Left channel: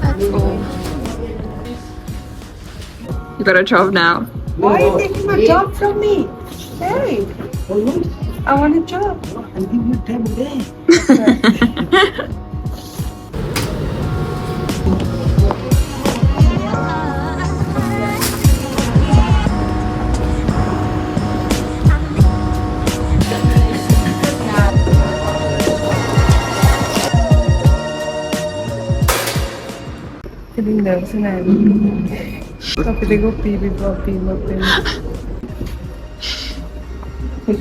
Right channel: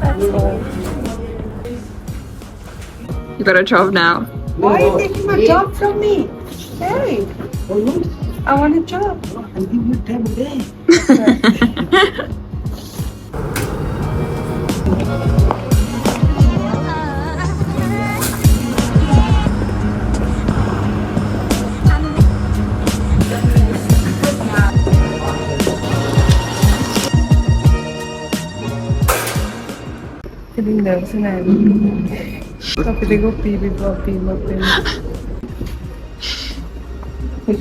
That's all. You got a job now. Why are you taking my job from me? Hey, I want a job. I'll give you 10 days. Feeling nervous and Tapi they go pee. Because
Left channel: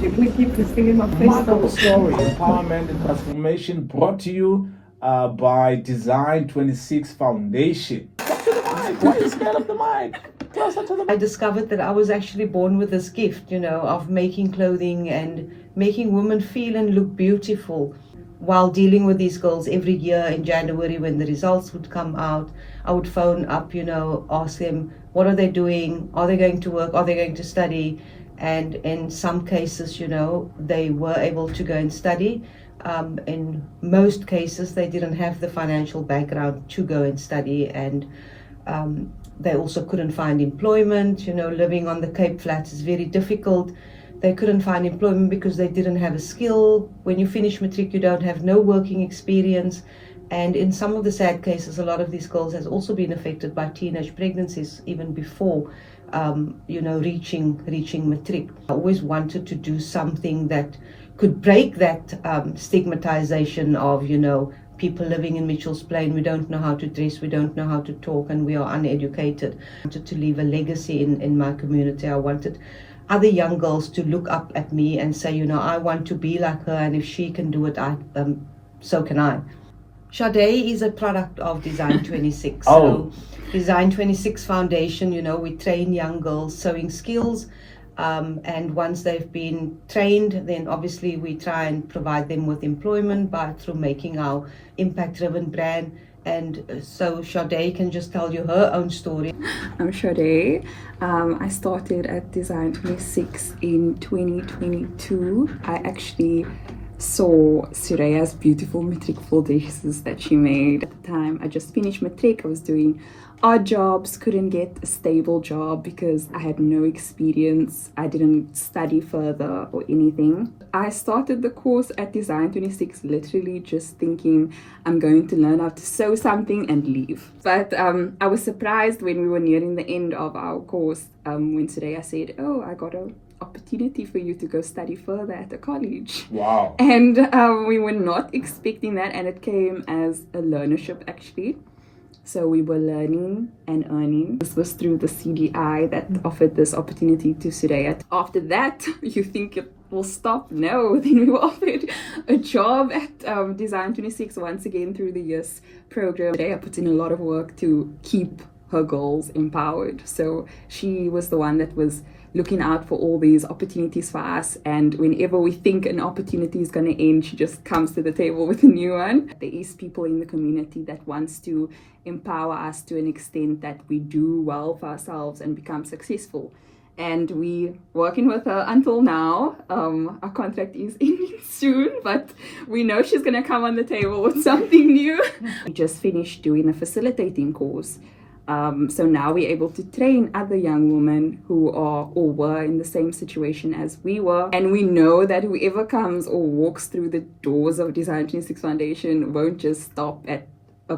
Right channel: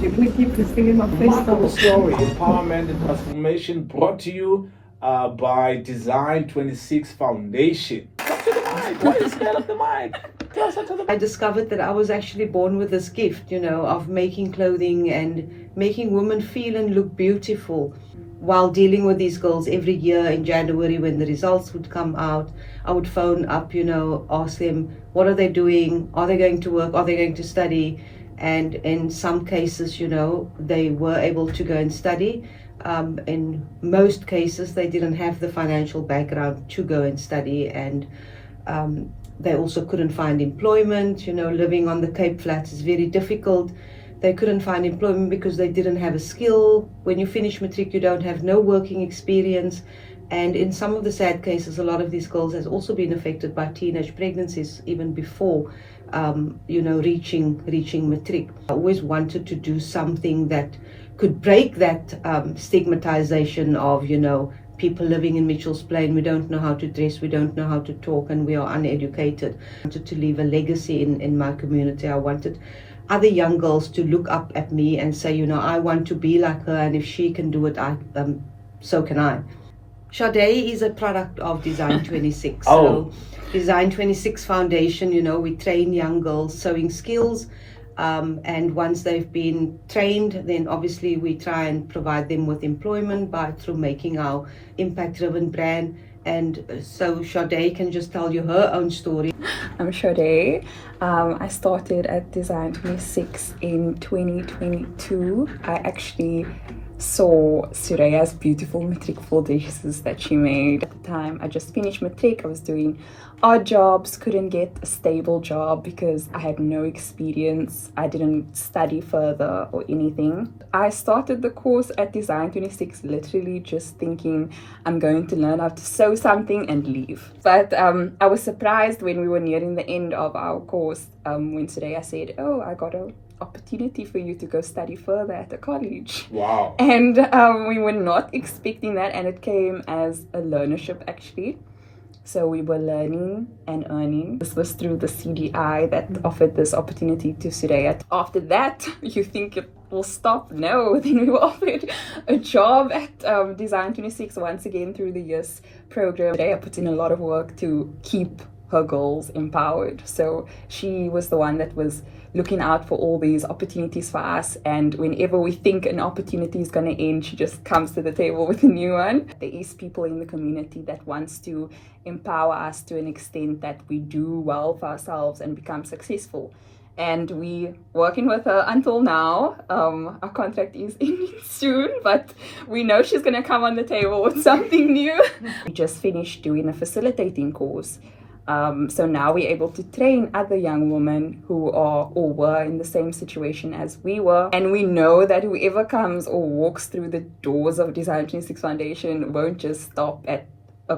you're gonna keep this thing in my face though. Story, empowerment and transformation brought to you by Design 26 Foundation. Talk to the mic. Why are you scared of the mic? Tell us to the mic. I discovered that I was actually born with this gift, of making clothing and making women feel and look beautiful. While dealing with these girls every year in January when the results would come out, I would phone up, ask them, what are they doing? Are they going to work? Are they going to study? And in some cases, they were able to go and study. In most cases, they didn't have the financial background to go and study, and they also couldn't find employment. Living on the Cape Flats is very difficult. They couldn't find employment because they didn't have a skill. When you finish matric, you don't have no working experience. And in some of the sad cases, a lot of these girls has also been affected by teenage pregnancies even before, reaching matric. I always wanted to do something that could break that stigmatization of, people living in Mitchell's Plain. We don't know how to dress, we don't know how to talk, and we are uneducated. I wanted to leave a legacy in my community. I wanted other young girls to look up at me and say, I want to be like her, and if she can do it, so can I. Sade is a product of Design 26. So Design 26 Foundation, we train young girls sewing skills, and once they've been trained, then obviously we try and provide them with employment through making our impact-driven brand. And so Sade can just tell you her own story. I'm Suraya. I started at Design 26 in 2022. I actually saw Suraya's beautiful matric full dresses that she made. At the time, I just finished matric. I was doing odd jobs, couldn't get a stable job because I had no experience. I didn't study further or anything. I started the course at Design 26 literally just thinking I'm going to learn how to sew something and leave. But I was surprised when we were nearing the end of our course when Suraya said, I got an opportunity for you to go study further at the college. Wow. And we were not expecting that, and it came as a learnership actually. So we were learning and earning. This was through the CDI that offered this opportunity to Suraya. After that, you think it will stop? No, then we were offered a job at Design 26 once again through the YES program. Suraya put in a lot of work to keep her girls empowered. So she was the one that was looking out for all these opportunities for us, and whenever we think an opportunity is going to end, she just comes to the table with a new one. There is people in the community that wants to empower us to an extent that we do well for ourselves and become successful, and we working with her until now. Our contract is ending soon, but we know she's going to come on the table with something new. We just finished doing a facilitating course. So now we're able to train other young women who are or were in the same situation as we were. And we know that whoever comes or walks through the doors of Design 26 Foundation won't just stop at a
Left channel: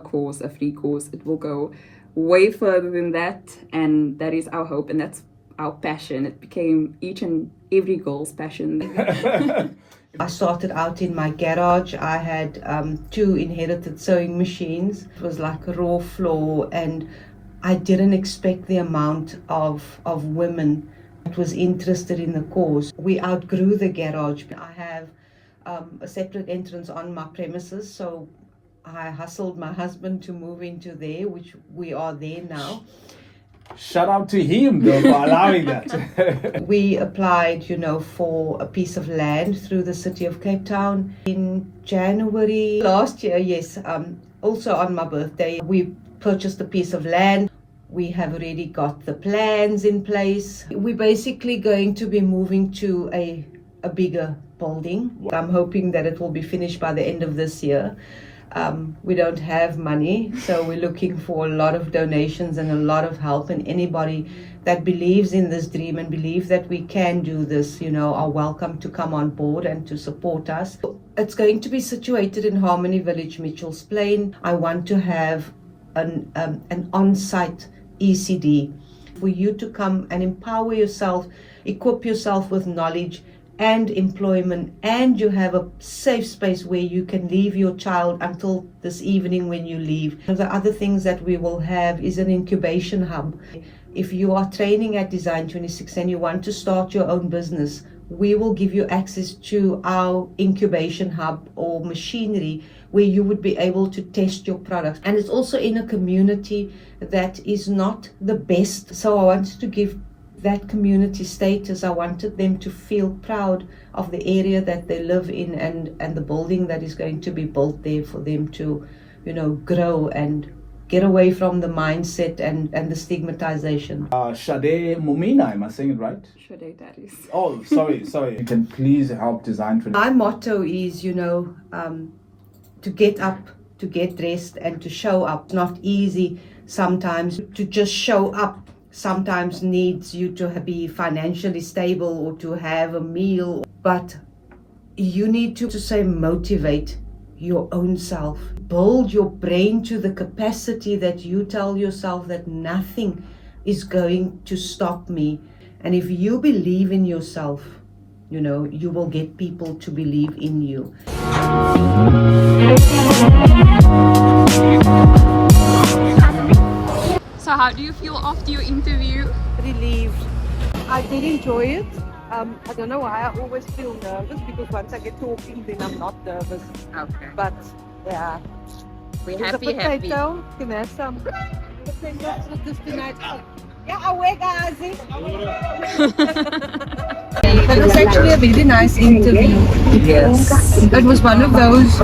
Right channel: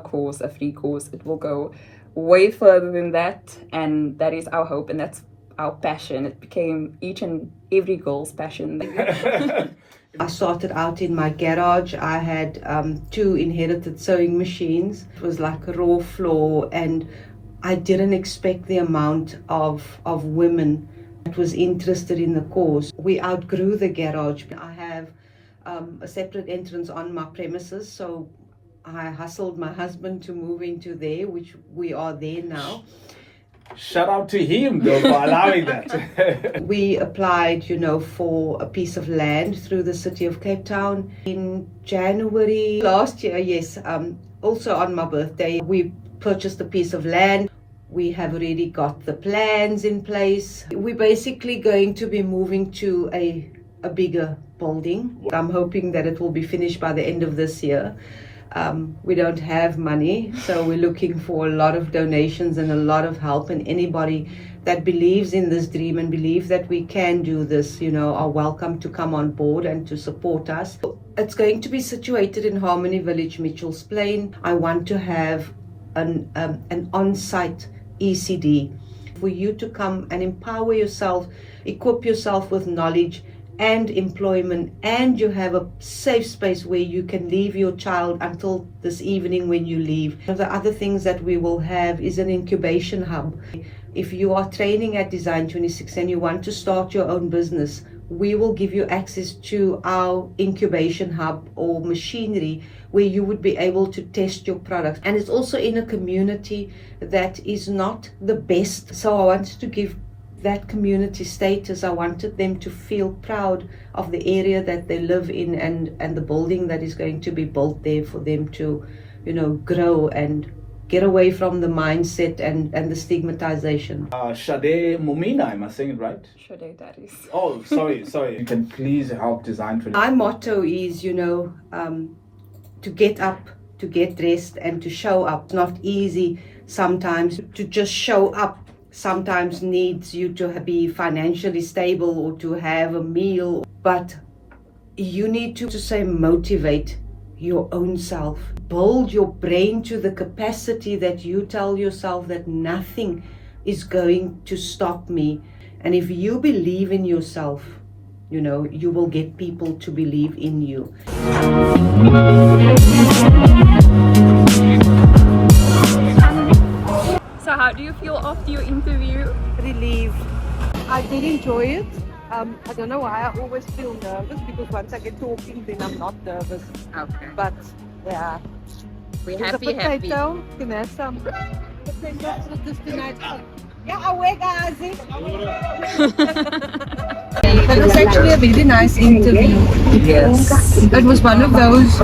free course. It will go way further than that. And that is our hope, and that's our passion. It became each and every girl's passion. I started out in my garage. I had 2 inherited sewing machines. It was like a raw floor, and I didn't expect the amount of women that was interested in the course. We outgrew the garage. I have a separate entrance on my premises, so I hustled my husband to move into there, which we are there now. Shout out to him though for allowing that. We applied, for a piece of land through the city of Cape Town in January last year. Yes, also on my birthday, we purchased a piece of land. We have already got the plans in place. We're basically going to be moving to a bigger building. I'm hoping that it will be finished by the end of this year. We don't have money, so we're looking for a lot of donations and a lot of help, and anybody that believes in this dream and believes that we can do this, are welcome to come on board and to support us. It's going to be situated in Harmony Village, Mitchell's Plain. I want to have an on-site ECD for you to come and empower yourself, equip yourself with knowledge and employment, and you have a safe space where you can leave your child until this evening when you leave. The other things that we will have is an incubation hub. If you are training at Design 26 and you want to start your own business, we will give you access to our incubation hub or machinery where you would be able to test your product. And it's also in a community that is not the best. So I wanted to give that community status. I wanted them to feel proud of the area that they live in and the building that is going to be built there for them to, grow and get away from the mindset and the stigmatization. Shade Mumina, am I saying it right? Shade, that is. Oh, sorry. You can please help Design 26. My motto is, to get up, to get dressed, and to show up. It's not easy sometimes to just show up. Sometimes needs you to be financially stable or to have a meal, but you need to say motivate your own self. Build your brain to the capacity that you tell yourself that nothing is going to stop me. And if you believe in yourself, you will get people to believe in you. So how do you feel after your interview? Relieved. I did enjoy it. I don't know why I always feel nervous, because once I get talking, then I'm not nervous. Okay. But yeah, We're there's happy. a potato. Can I have some potatoes with this tonight? Yeah, away guys. It was actually a really nice interview. Yes. It was one of those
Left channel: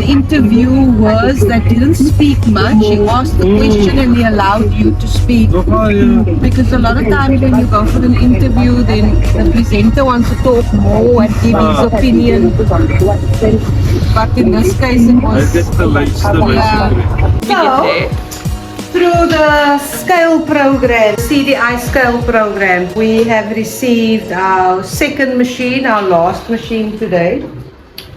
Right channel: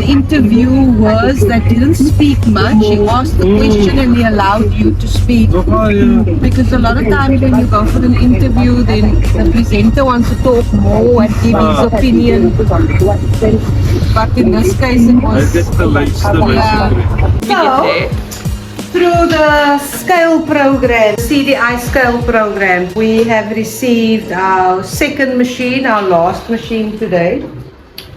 interviewers that didn't speak much. He asked the question and he allowed you to speak. Because a lot of times when you go for an interview, then the presenter wants to talk more and give his opinion. But in this case it was... So, through the scale program, CDI scale program, we have received our second machine, our last machine today.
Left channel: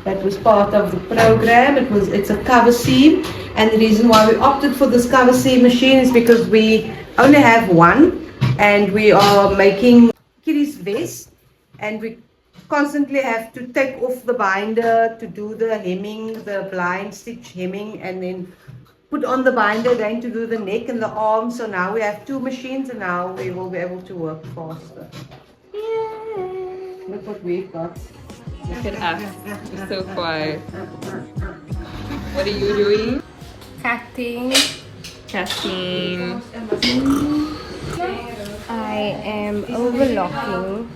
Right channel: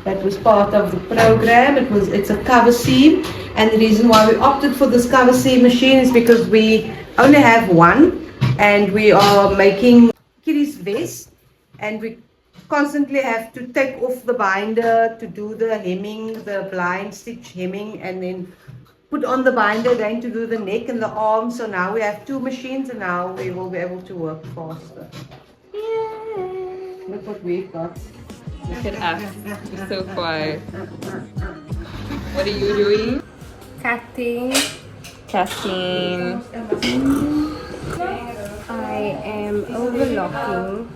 That was part of the program. It's a cover seam, and the reason why we opted for this cover seam machine is because we only have one, and we are making kiddies vest, and we constantly have to take off the binder to do the hemming, the blind stitch hemming, and then put on the binder again to do the neck and the arm. So now we have two machines, and now we will be able to work faster. Yay! Look what we've got. Look at us. We're so quiet. What are you doing? Cutting. Casting. I am overlocking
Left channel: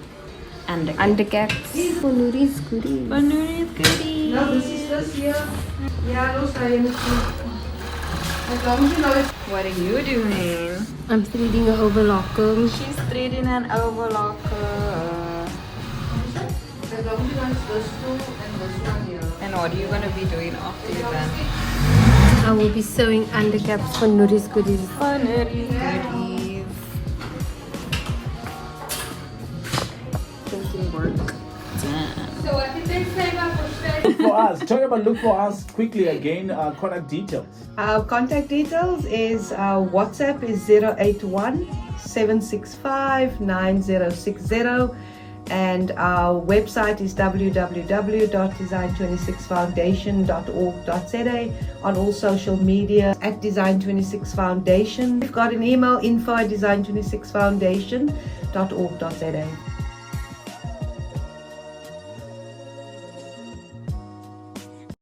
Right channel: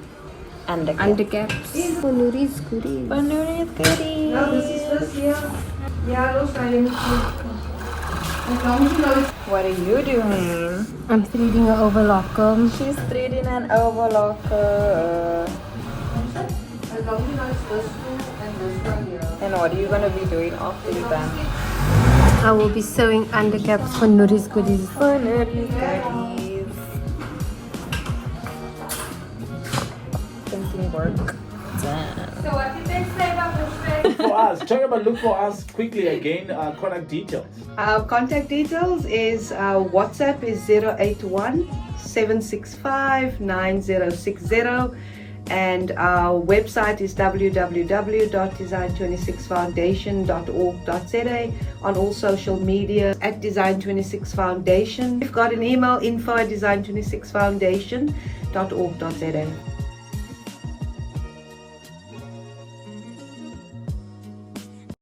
undercaps for Nuri's goodies. Banuri's goodies. No, this is this here. Yeah, those frames. As long as you know it. What are you doing? I'm threading an overlocker. She's threading an overlocker. As long as you know it's this two and this one here. And what are you gonna be doing after you're done? I will be sewing undercaps for Nuri's goodies. Banuri's goodies. Finishing work. Damn. So what did they say about For us, talk about look for us quickly again. Contact details. Our contact details is our WhatsApp is 081 765 9060, and our website is www.design26foundation.org.za, on all social media at Design26 Foundation. We've got an email, info@design26foundation.org.za.